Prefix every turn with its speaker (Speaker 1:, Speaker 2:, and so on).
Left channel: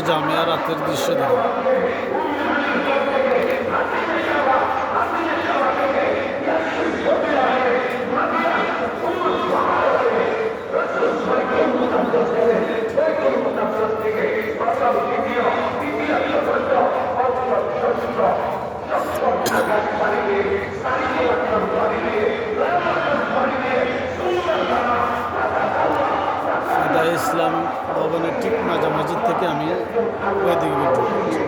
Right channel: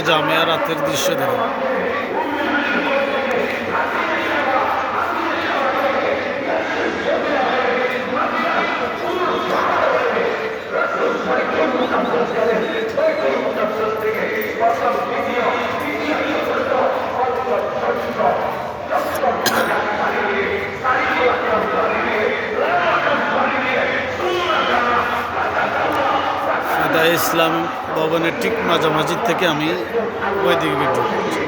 Speaker 1: জামিয়া রাতের দৃশ্য দেখেন। ফেদা ইসলাম ভবনের ঠিক মাঝামাঝি থেকে আমি ওইদিকে ভিডিও করছি